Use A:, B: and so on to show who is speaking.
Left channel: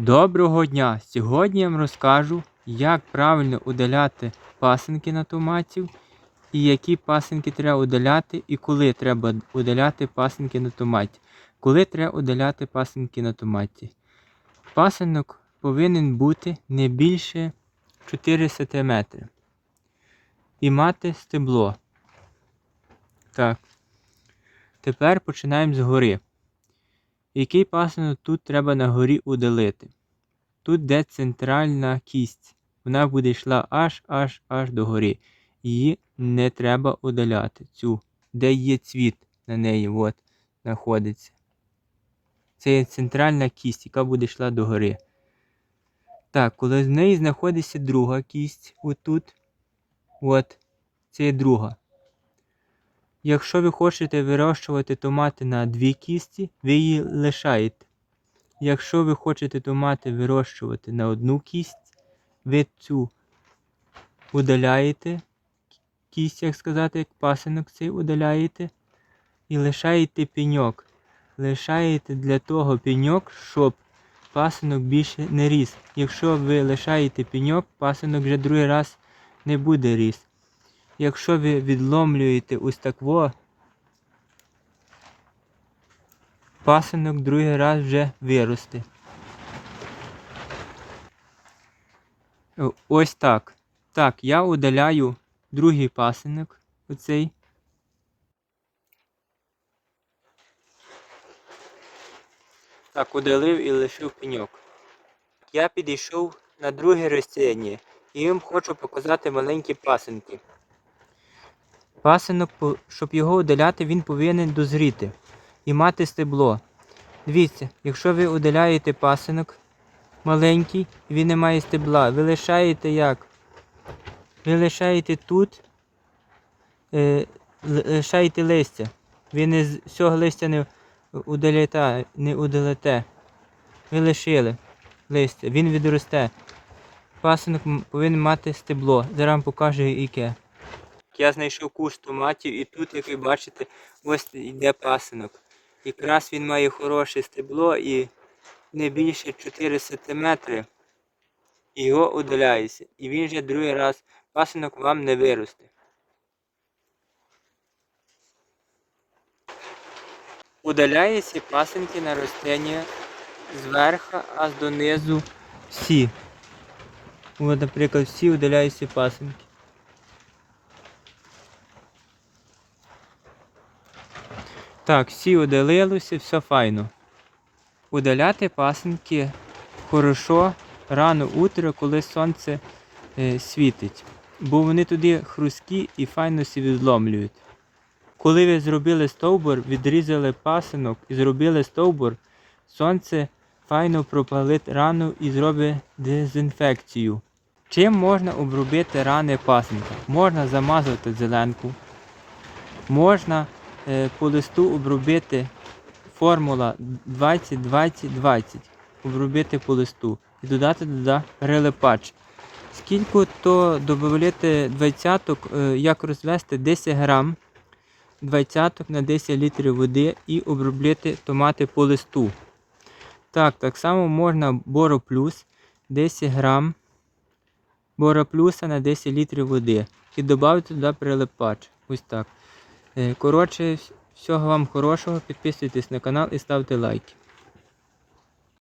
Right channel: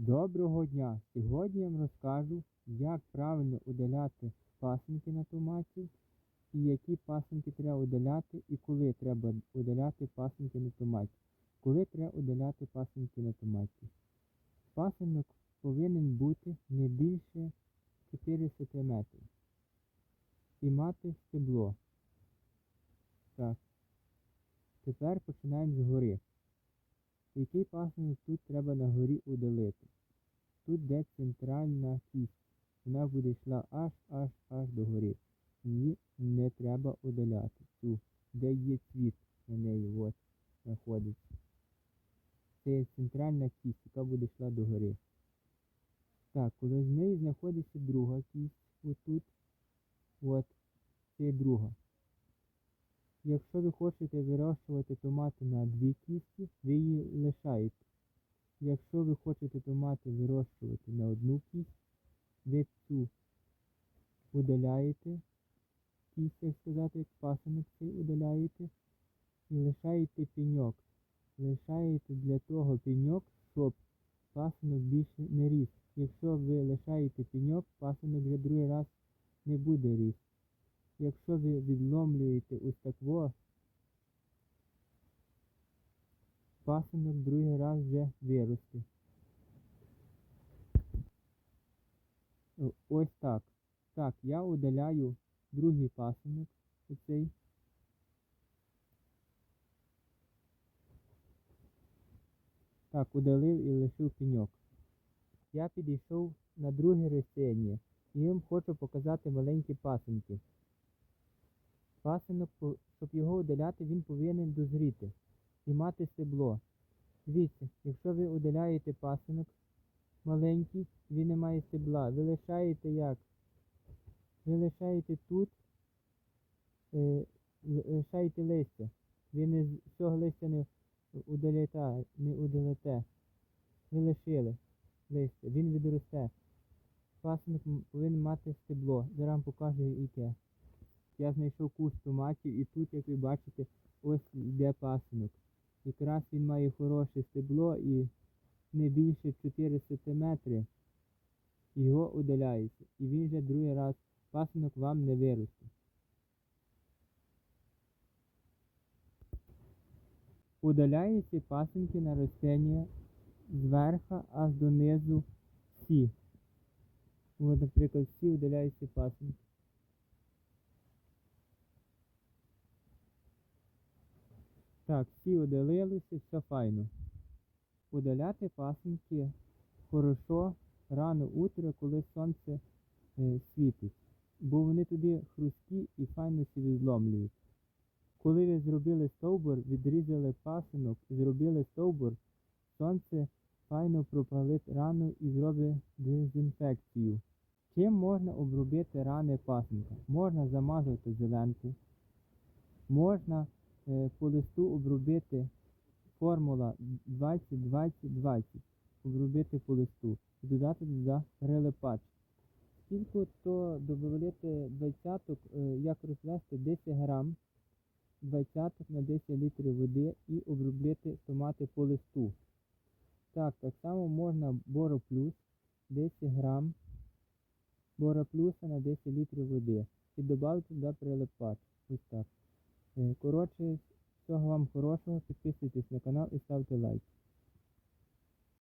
A: Доброго дня! Сьогодні я вам розкажу, як правильно удаляти пасинки на томатів, і які пасинки треба удаляти, і коли треба удаляти пасинки на томаті. Коли треба удаляти пасинки на томаті. Пасинок повинен бути не більше 4 см. І мати стебло. Так. Тепер починаємо згори. Який пасинок тут треба на горі удалити? Тут де центральна кість. Вона буде йшла аж аж аж до гори. Її не треба удаляти. Цю, де є цвіт на неї, от, знаходиться. Це є центральна кість, яка буде йшла до гори. Так, коли з неї знаходиться друга кість, отут, от, це є друга. Якщо ви хочете вирощувати томати на дві кісті, ви її лишаєте. Якщо ви хочете томати вирощувати на одну кість, ви цю удаляєте, кість, як сказати, як пасинок цей удаляєте, і лишаєте пеньок. Лишаєте для того пеньок, щоб пасинок більше не ріс. Якщо ви лишаєте пеньок, пасинок вже другий раз не буде ріс. Якщо ви відломлюєте ось так во, пасинок другий раз вже виросте. Ось так. Так, я удаляю другий пасинок, оцей. Так, удалив і лишив пеньок. Я підійшов на друге рослиння і їм хочу показати маленькі пасинки. Пасинок, щоб його удаляти, він повинен дозріти і мати стебло. Дивіться, якщо ви удаляєте пасинок маленький, він не має стебла, ви лишаєте як? Ви лишаєте тут, е, лишаєте листя. Ви не з всього листя не удаляєте, не удалите. Ви лишили листя, він відросте. Пасинок повинен мати стебло. Зараз покажу яке. Я знайшов куш томатів і тут, як ви бачите, ось йде пасинок. Якраз він має хороше стебло і не більше 4 см. Його удаляється. І він вже другий раз пасинок вам не виросте. Удаляються пасинки на рослині зверху аж донизу всі. От, наприклад, всі удаляються пасинки. Так, всі удалилося, все файно. Удаляти пасинки хорошо рано утро, коли сонце е, світить. Бо вони туди хрусткі і файно сі відломлюють. Коли ви зробили стовбур, відрізали пасинок і зробили стовбур, сонце файно пропалить рану і зробить дезінфекцію. Чим можна обробити рани пасинка? Можна замазати зеленку, можна по листу обробити формула 20-20-20, обробити по листу і додати туди прилипач. Скільки то додати двадцяток, е, як розвести 10 грам двадцяток на 10 літрів води і обробити томати по листу. Так, так само можна Боро Плюс 10 грам Боро Плюса на 10 літрів води і додати туди прилипач. Ось так. Е, Коротше, всього вам хорошого. Підписуйтесь на канал і ставте лайки.